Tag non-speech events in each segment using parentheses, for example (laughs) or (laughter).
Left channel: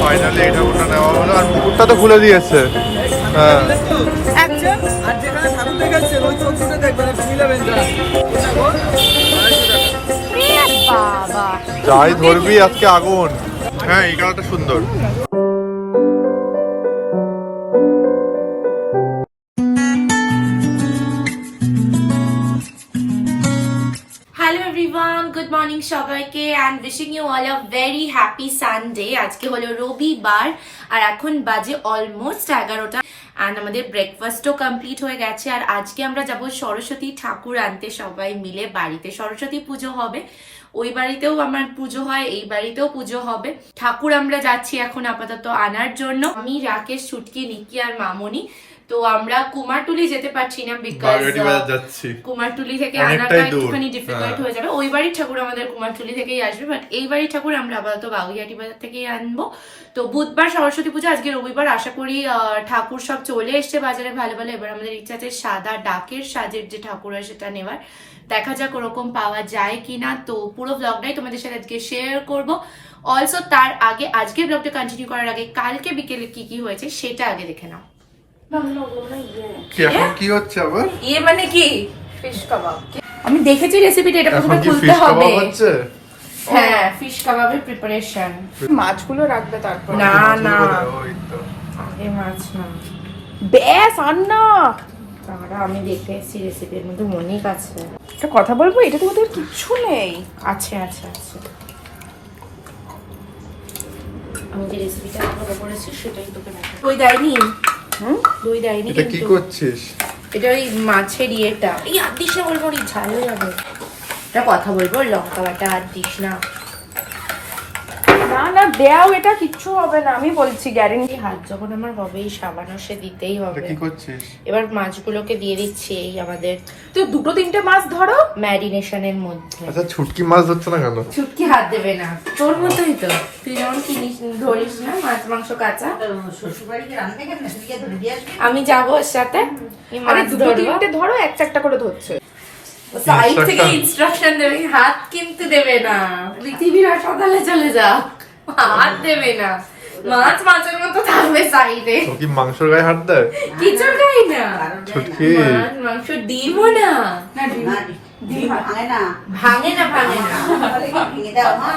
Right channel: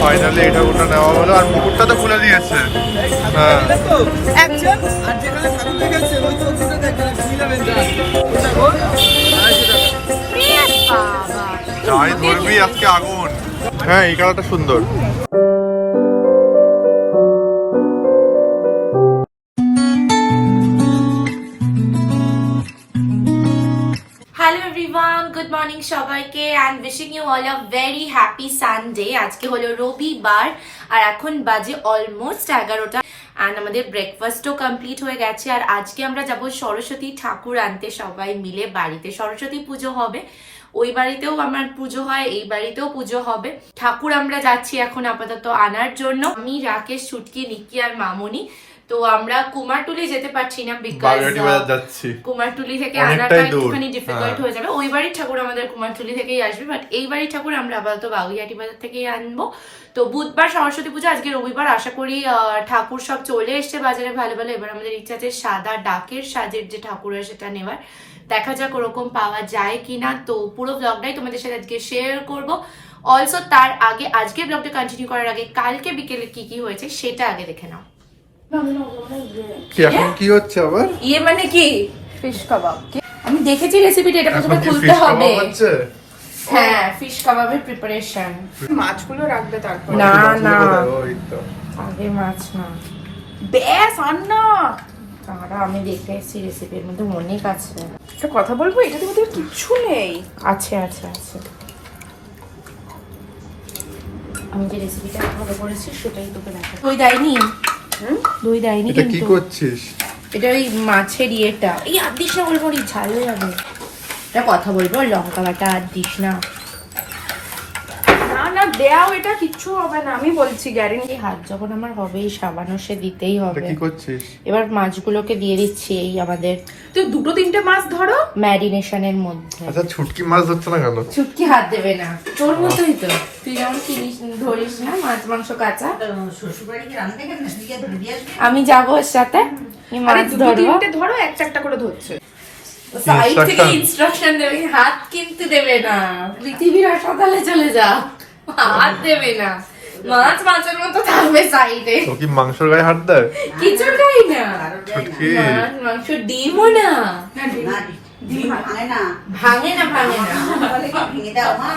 Finally এই ঠাকুরটা নেওয়া হলো আর মুকুটটা তো খুলে দিয়েছে। হ্যাঁ। যাই ধরবি আজকে আগুন। হ্যাঁ এই কালারটা সুন্দর। এভরিওয়ান গুড মর্নিং সবাইকে and wishing you all a very happy Sunday আজকে হলো রবিবার, আর এখন বাজে অলমোস্ট এগারোটা অ্যান্ড আমাদের ব্রেকফাস্টও কমপ্লিট হয়ে গেছে। আর আজকে আমরা যাব সরস্বতী ঠাকুর আনতে সবাই মিলে বাড়িতে। সরস্বতী পুজো হবে। ওই বাড়িতেও আমার পুজো হয়, এই বাড়িতেও পুজো হবে। ঠাকুর আমরা যাচ্ছি এখন আপাতত আনার জন্য। আমি, রাকেশ ছুটকি নিকি আর মামনি তো আমরা কুমারটুলি যেতে পারছি না বিকজ কুমারটুলি থেকে আনাটা একটুখানি ডিফিকাল্ট হ্যাঁ। যাবে। ওই বাড়ির ঠাকুর আমাদের কুমারটুলি থেকেই আসবে বাট এই বাড়ির ঠাকুর আমরা আপাতত বাবুইহাটি বাজার থেকেই আনব। তো বুধবার সরস্বতী পুজো আজকে রবিবার আশা করি ঠাকুর সব চলে এসছে বাজারে ভালো ভালো। এবার আমাদের ইচ্ছা আছে সাদা ডাকের সাজের যে ঠাকুর হয় সেটা নেওয়ার। দেখা যাক ওরকম পাওয়া যায় কিনা। তো পুরো ব্লগটাই তোমাদের সাথে আজকে শেয়ার করব। অলসো তার আগে আজকে ব্লগটা কন্টিনিউ করার আগে কালকে বিকেলে কি কি হয়েছে সেটা আগে দেখে নাও। কি এখন কি হচ্ছে আবার? ইয়ে মানে কি? ফিশ কাবাব আমি দেখেছি রেসিপিটা এটা প্রথমে খুলতে হবে। হ্যাঁ ফিশ কাবাবের প্রিপারেশন মাছগুলো রাখবে তারপর না না। আগে মাছ না। ব্যাস আর তারা আমি দেখে এসেছি রেসিপির মধ্যে মনেই আছে একটা কথা বলব? এটা তোমাদের কিচ্ছু নেই। আছে আছে আছে। আমি যে রেসিপিটা ফলো করেছি সেটাই তোকে। দই দেয়নি? হুম? দই দেয়নি এটা কি করছিস? এটা ওই মাছের ইয়েটা। এই আর দিস না বলব ঝাল হয়ে যাবে। এটা কথা বলব লঙ্কা বাটা আর দিস না দেও এটা কিচ্ছু হবে না। আমি বলছি গ্যারেন্টি হাত যখন আমার হবে এই সাবানো সে দিতেই হবে। কি করছিস? এবার মাছগুলোকে দিয়ে দিচ্ছি এই আমাদের তো দুটো তিনটে মাছ ধরো। ম্যারিনেশনের মধ্যে। আচ্ছা ছুটকি মাছ ধরছে না কেন? চুটকি হাত দেবে না। তোর মতোই তো। তুই যেমন কিনিস ধরিস না মাছ মাংস কাঁচা। আমি যাব ওর সাথে। মাছ দুটো তিনটে ধরো একটা একটা করে ধরছে। সাইড থেকে ইনস্ট্রাকশন দেবে হাত কিন্তু দেবে না। পৃথিবীর হাসপাতালে চলে যা। হাত দেবে না। মাছ মাছের মতো থাকবে সাইডে। ও কি মাংসর গায়ে হাত দেয়? কিছু খাই না। ছুটকি। মাংস ডিমও না। ভাঙে না। ভাঙে না।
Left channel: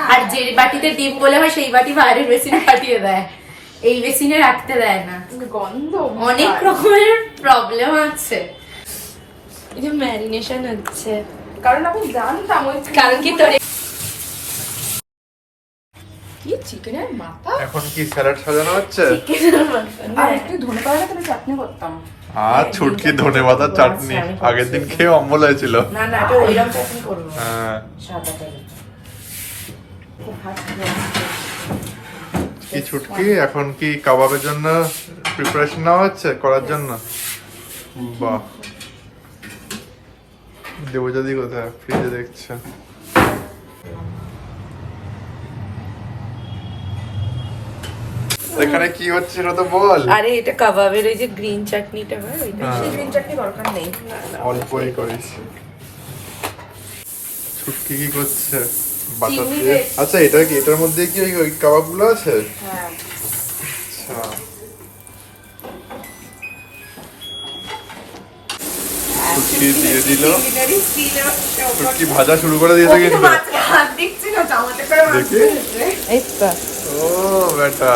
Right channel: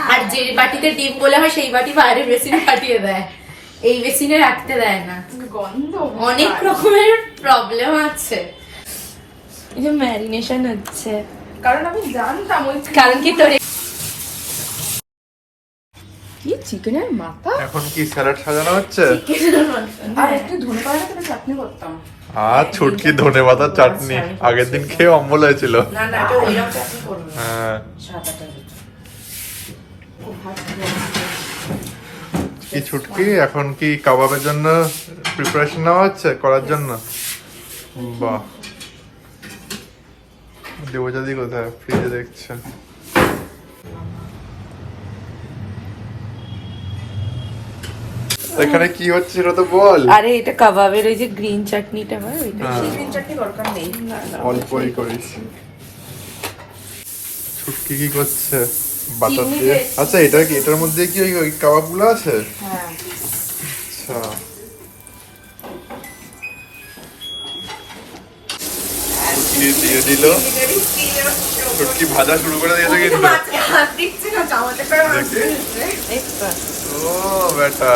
আর যে বাটিতে ডিম বলে হয় সেই বাটি বাইরের বেসিনে পাঠিয়ে দেয়। এই বেসিনে রাখতে দেয় না। গন্ধ। অনেক রকমের প্রবলেম আছে। এই যে ম্যারিনেশন হচ্ছে। কারণ আমি জানতাম কারণ কি তোর কি চিকেনের মাথা। এখন কি স্যালাড সাজানো হচ্ছে? আর একটু ধনে পাতা তাহলে চাটনি করতাম। আর ছুটকি ধনে পাতার চাটনি। আগের দিন খেয়ে অম্বল হয়েছিল। না না এটা ওইরকম চাটনি করব হ্যাঁ। কি ছুটকি? এখন কি কাবাবের জন্য প্রিপারেশন নেওয়া হচ্ছে? করার জন্য? বাহ। দেবজাদি কোথায়? ফ্রিজে দেখছে। এখানে কি হচ্ছে সেটা তো বল। আরে এটা কাবাবের ওই যে গ্রিন চাটনিটা হয়। ওইটা। চিকেন চাটনি দরকার নেই। অল্পই করিস ছুটকি কি করছে? বাটার দিয়ে। আচ্ছা এটা কি এটার মধ্যে কি ওই কাবাবগুলো আছে? হ্যাঁ। আচ্ছা। ছুটকি দিয়ে দিল। ছুটকি ভাজা শুরু করে দিয়েছে কিন্তু। দেখি। ও বেটা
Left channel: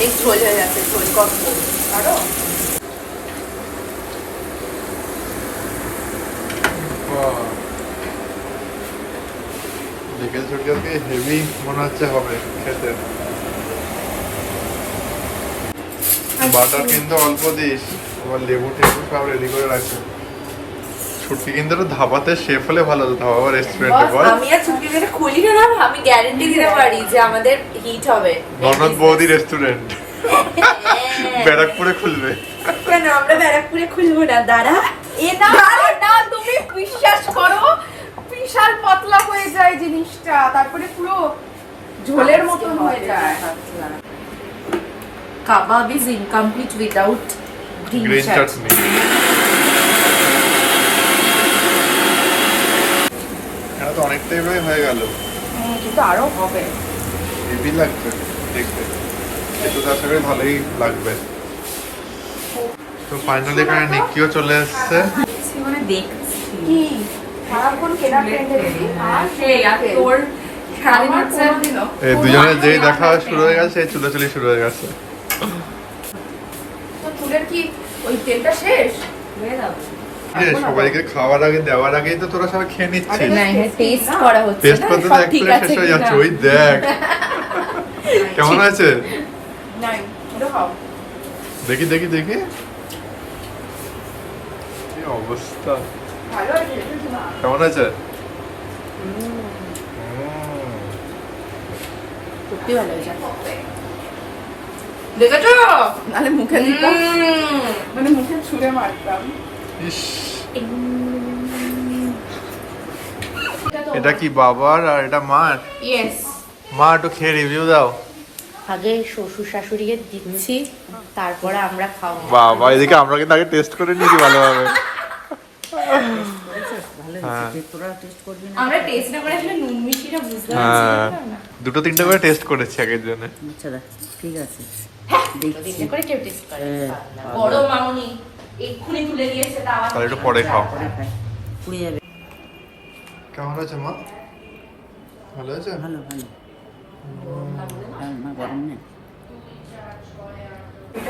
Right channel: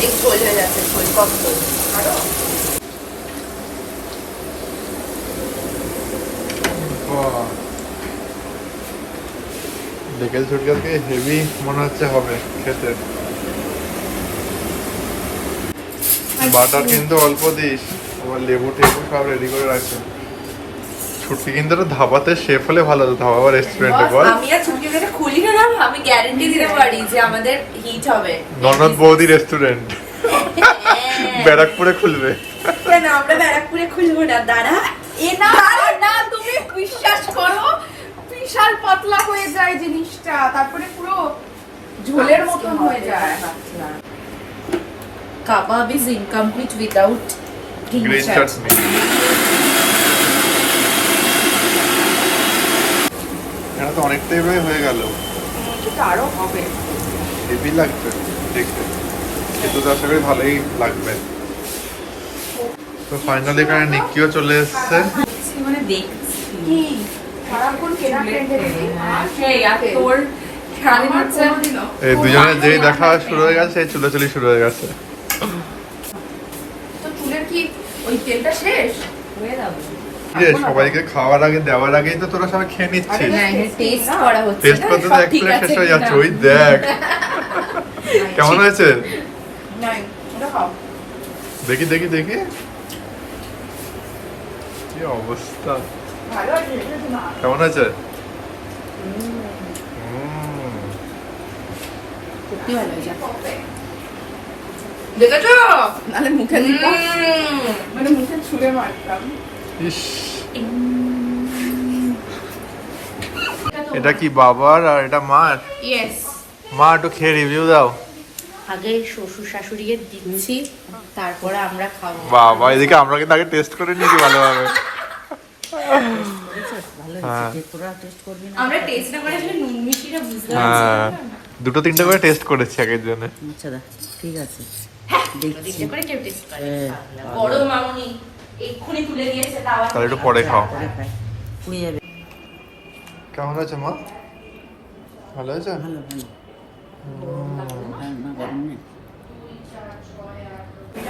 অনেক ঝোল হয়ে যাচ্ছে ঝোল কত? পারো? বাহ। দেখে হেভি মনে হচ্ছে হবে খেতে। বাটার কিন্তু অল্প দিস আবার লেবু টেবু সব রেডি করে রাখছে ছুটকি কিন্তু ধাবাতে শেফ হলে ভালো হতো। ধাবা বা রেস্টুরেন্টে বল। আমি আর ছুটি যেটা খুলি না না, আমি গ্যারেন্টি দিতে পারি যে আমাদের হিট হবে। ননদ বৌদি রেস্টুরেন্ট ব্যারাকপুরে খুলবে। কেন আমরা ব্যারাকপুরে খুলবো না? দাঁড়া এ না না তুমি বিশ্বাস করো বিশাল পাতলা হয়ে যায় জিনিসটা তারপরে পুরো ঝোলের মতন হয়ে যায়। Kebab is incomplete without green chutney চারটে প্রায় হয়ে গেল। তো আরও হবে। হেভি লাগছে দেখতে। এটা তো আশা করি ভালোই লাগবে। তো ফাইনালি এখানে নিকিও চলে এসছে। মানে দেখ কি? সারাক্ষণ কেনা ফ্রেন্ডে এই দুজনের যেই দেখা শুরু হয়ে গেছে চুলোচুলি শুরু হয়ে গেছে। তো চুলের কি ওই তেলটা শেষ? হয়ে যাবে। সবাইকে খাওয়ার আগে দেওয়ার আগেই তো তোরা সবাই খেয়ে নিচ্ছিস। টেস্ট করা হচ্ছে টেস্ট করতে তো এক প্লেট আছে যাচ্ছে ওই দেখ। (laughs) কেমন হয়েছে? ওটা খাও। দেখি দেখি দেখি। কি অবস্থা? আছে কেমন হয়েছে? সত্যি ভালো হয়েছে। দেখেছ? নালে মুখে দিতাম। মানে মুখে ছুঁড়ে মারতাম। ইস। এটা কি বাবার আর এটা মার? ইয়েস মা একটু খেয়ে রিভিউ দাও। আগে শ্বশুর শাশুড়িকে দিচ্ছি তারপরে আমরা খাব। বাবা এদিকে আমরা কিন্তু আগে টেস্ট করে নিয়েছি ভালোভাবে। হ্যাঁ। আমরা টেস্ট না করে আসলে নুন মিষ্টিটা বুঝতে হ্যাঁ। দুটো তিনটে করে টেস্ট করেছি আগের জন্য। আচ্ছা ঠিক আছে। দিনে করে কেউ টেস্ট করে। হ্যাঁ, বড় মামুনি। এক্ষুনি তুলে দিয়েছে তাও তাহলে একটু পরে খাও। পুড়ে যাবে। কেমন হয়েছে মা? ভালো হয়েছে ভালো ভালো। মা গরম নেই?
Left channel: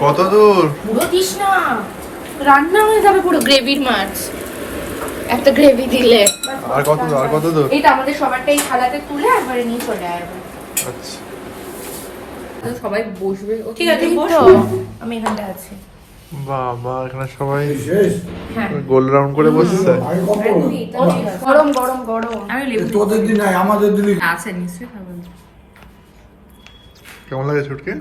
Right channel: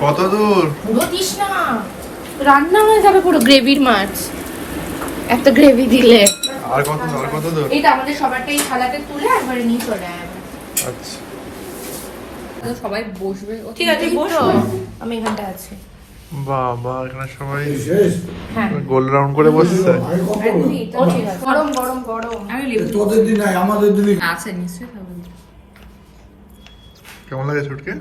কত দূর? পুরো দিস না। রান্না হয়ে যাবে পুরো গ্রেভির মাছ। এত গ্রেভি দিলে। আর কত দূর? আর কত দূর? এইটা আমাদের সবারটা এই থালাতে তুলে একবারে নিয়ে চলে যাবে আচ্ছা। সবাই বসবে। ঠিক আছে বসো। আমি এখানটা আছি। বাবা এখানে সবাই হ্যাঁ। গোল রাউন্ড করে বসছে। ও গরম গরম গরম। তোদের দিন নাই আমাদের দিনই। আছে নিশ্চয়ই কেমন লাগে ছুটকে?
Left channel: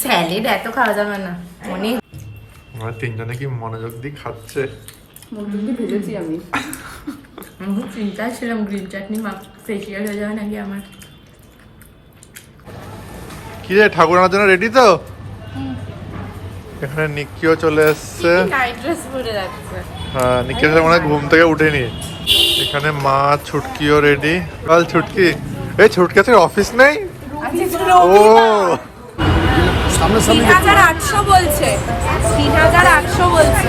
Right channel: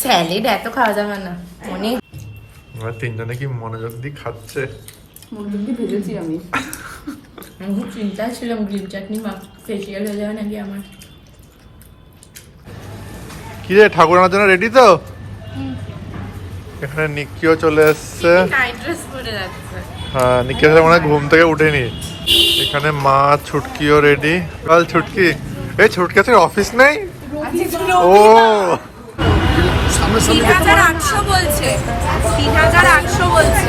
স্যালাড এত খাওয়া যাবে না। অনেক। আমরা তিনজনে কি মনোযোগ দিয়ে খাচ্ছে? ভেজেছি আমি। আমি খুব চিন্তায় ছিলাম গ্রিন চাটনি মা ফেসিয়াল হয়ে যাবে নাকি আমার? কি রে ঠাকুর আনার জন্য রেডি তো? এখানে নিকিও চলে এসছে। হ্যাঁ নিকিও মনে হয় ঘুম থেকে উঠেনি। এখানে মা ছুটকিও রেডি কাল ছুটকি? এই ছুটকি থেকে অফিস নেই? ও। তিন হাজার আটশো বলছে। তিন হাজার আটশো বলছে।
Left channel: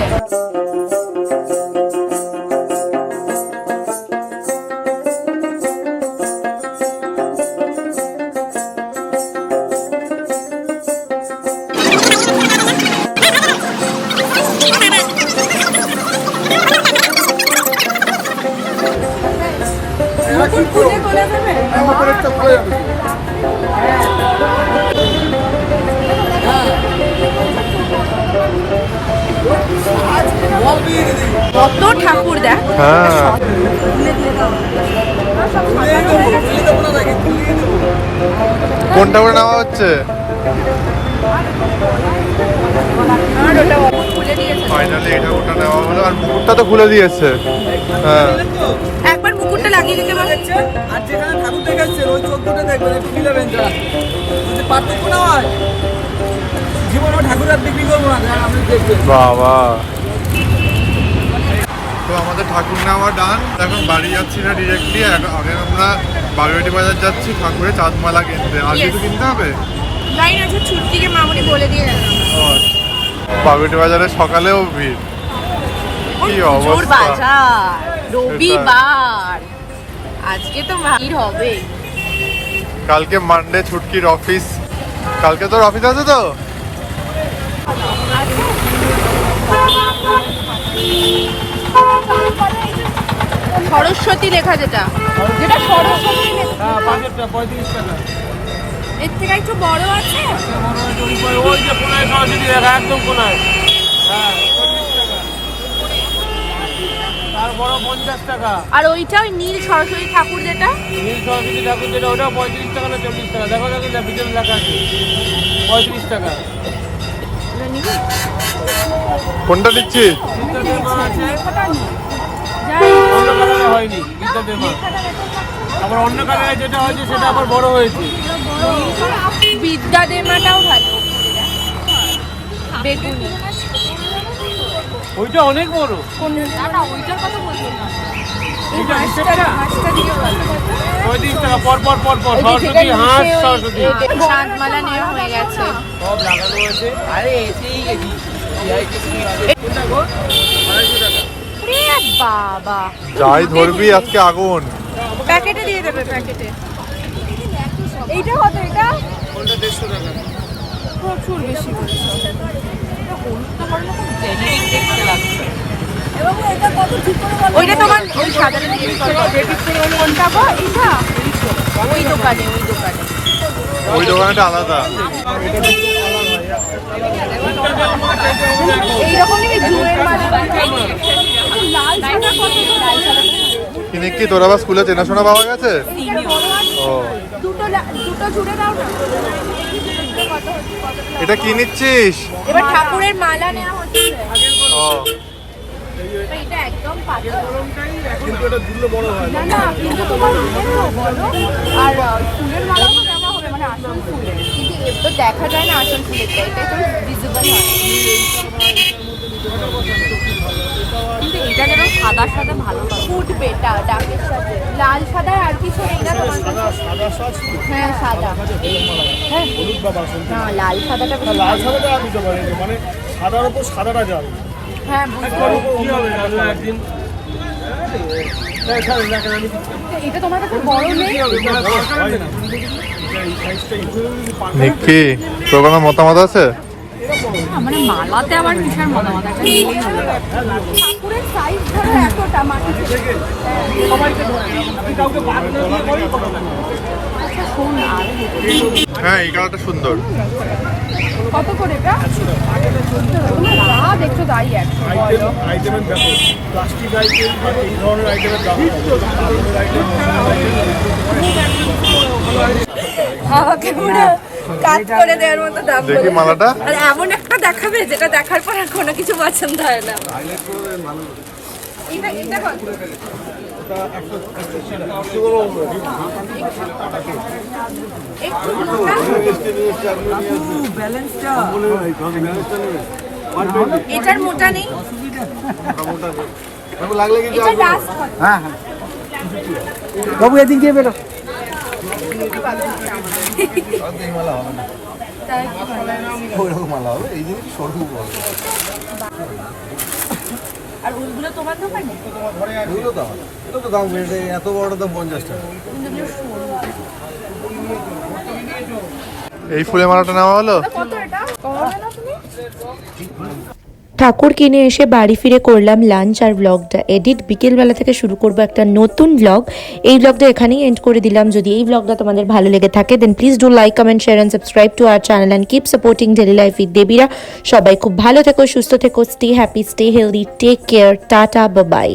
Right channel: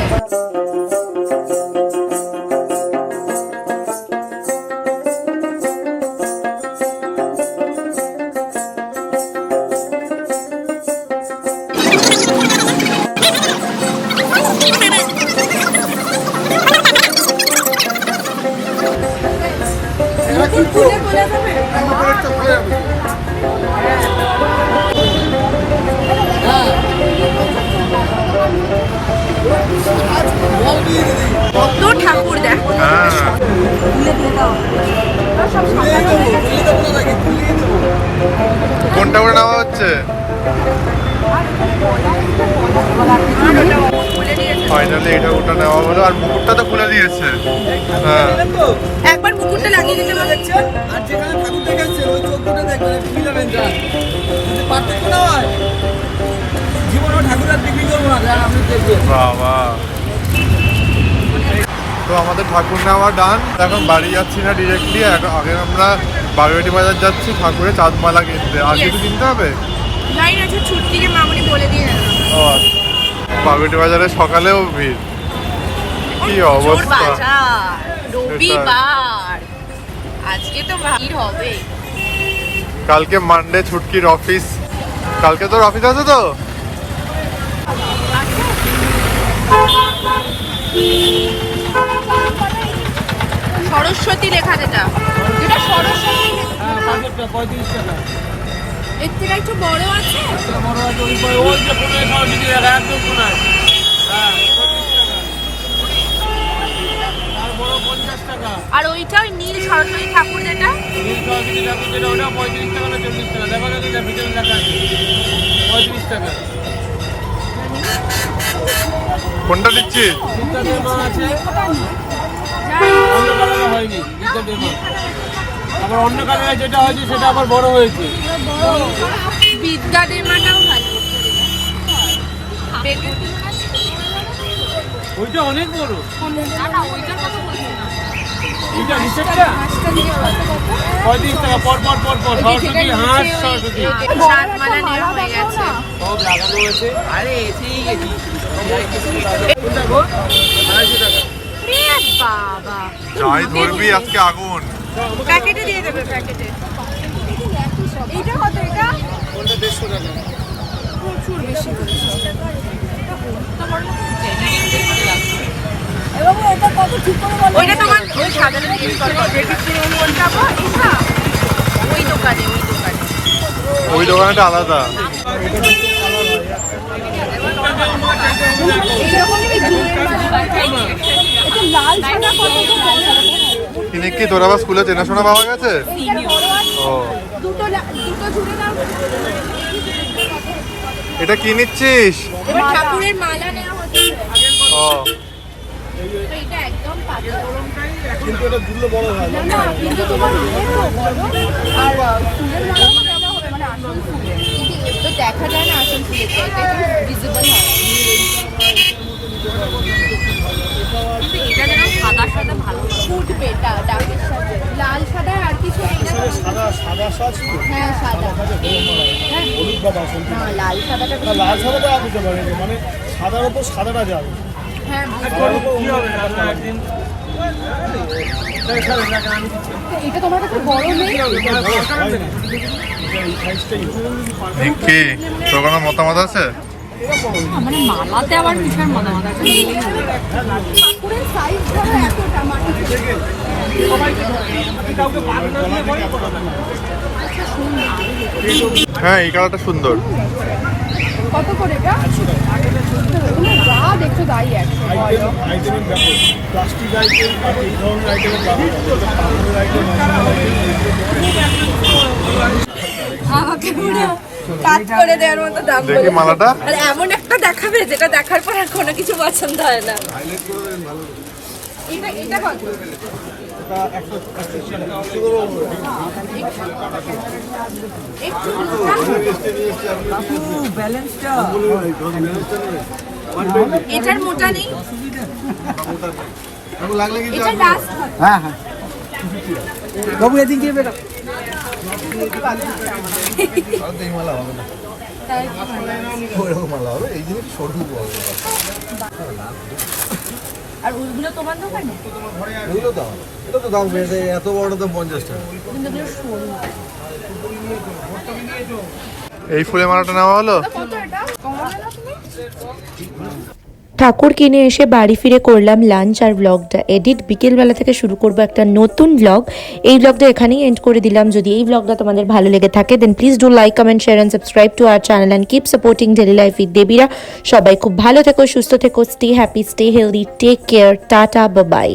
কোনটা করে নেওয়া হচ্ছে? ফাইনালি এটা ওটা নেওয়া হলো আর মুকুটটা তো খুলে দিয়েছে। হ্যাঁ। একবার মুকুটটা লাগিয়ে দিতে পারবে আর যেখানে ঠাকুর দেখাচ্ছে ওই চোখ দুটো দেখবেন একটু যা যদি পার্থক্য না হয় জীবনে ঠাকুর আর বিক্রি করব না আপনি দেখবেন বাবা। তো আমাদের ঠাকুর নেওয়া ডান এখন বাড়ি যাচ্ছি না ডিরেক্টলি আগে আমরা বাগেরহাটি বাজার যাচ্ছি ঠাকুরের চাঁদমালা কিনতে। আর কিছু কিনতে হবে? বাগেরহাটি বাজারে সকালেও ভিড়। কি অবস্থা। আজকে তো ভিড় হবে। কালকে মানডে ছুটকির অফিস কালকে তোর অফিস আছে তো? সরস্বতী লেখা যেটা। যেটা সরস্বতী লেখা। হ্যাঁ পঁয়ত্রিশ টাকা। এর থেকে একটু বড় আছে? এটা বড় আছে ওই ওই যে কোনায় সরস্বতী দেখা একদম হ্যাঁ আর বড় পঞ্চাশ টাকা। আর ওইটা ওই নীল সরস্বতী ঠাকুর যেটা? নীল সরস্বতী ঠাকুর যেটা ওটা পঁয়ত্রিশ টাকা না চল্লিশ টাকা? দেখো দেখো যা ভিতরে লেখা আছে। পঁয়ত্রিশ টাকা। কোনটা দিচ্ছি অন্য কালারে হয়নি গীতা দেবা আবার অন্য কালারে যেটা হয়েছে সেটা আবার বড় হয়েছে। বিদ্যা দেমাটাও ভালো। ওইটা অনেক বড়। এইটা নিচেরটা পঁয়ত্রিশ টাকা পর পর পর পর সরস্বতী হাঁস সরস্বতী। হয়ে সব লাগানো গেছি বাবা। যাই ধরবি আজকে আগুন। প্যাকেটে দিয়ে দেবে প্যাকেটে। এইটা কত এটা? কোনটা দেড়শো টাকা? এবং এটা কত ঠিক করে বলো? এটা তোমার ওই দোকানে ওই দোকানে। ওই দোকানটা আলাদা। এইরকম কিনে কি তোর আবার স্কুলে চেনাশোনা পাওয়া গেছে ও এটা কি নিচ্ছিস ঠাকুরের মালা নেওয়া ও এটা একদম পাতলা কিন্তু এটা দুটো বড় হয় না না কিন্তু তোমার ইয়ে তো বলো আর ফুলের মালাও তো দেওয়া হবে মানে আসল ফুলের কিন্তু তো দেখা যায় না আসল এটা ভিজিবল হয় কিন্তু এটা যেন সাদা সাদা ভালো লাগে। ফুটবে ডাকের সাথে। লাল সাদা আর কিছু সাদা সাদা সাজ হ্যাঁ সাদা। হলুদ বা বাসন্তী না লাল সাদাটা লাল সাদাটা আর দিতে পারে মানে সাদার উপর সাদাটা যাবে। হ্যাঁ সাদার উপর অন্য একটা কালার দিন এটা তোমার কাছে বড় নেই? নিকি মতামত আছে? মানে মালাতে আবার একটা নেই হলো। ঠাকুরের সাইজ ধরো এতটা মানে হ্যাঁ এই কালারটা সুন্দর। কত করে এটা? যা দেখছ তাই একশো আইটেমের দেখো প্লাস্টিক আইটেম আর এই ধরনের আইটেমের দাম কাপড়ের আইটেম আইটেম করে দেওয়ার মতো দাম দেখি মালাটা। আর এমন একটা দেখাবে যেটা দেখার পর আর কোনো কিছু পছন্দ হয় না। এটা এটা কত? একটু মোটা। এটার মোটা নেই। আর ওইগুলো তোমার দোকানে? এটা তো দাম বেড়ে এত বড় পঞ্চাশ টাকা এই ফুলের মালাটা নেওয়া হলো? কত এটা? কমাবে না তুমি? ঠাকুর কিনে এসে বাড়ি ফিরে করলাম লাঞ্চ আর ব্লগটা এডিট বিকেলবেলা থেকে শুরু করব একটা নতুন ব্লগ এই ব্লগটা এখানেই এন্ড করে দিলাম। যদি এই ব্লগটা তোমাদের ভালো লেগে থাকে then please do like comment share and subscribe to our channel and keep supporting daily life with দেবীরা সবাই খুব ভালো থেকো, সুস্থ থেকো stay happy stay healthy take care ta ta bye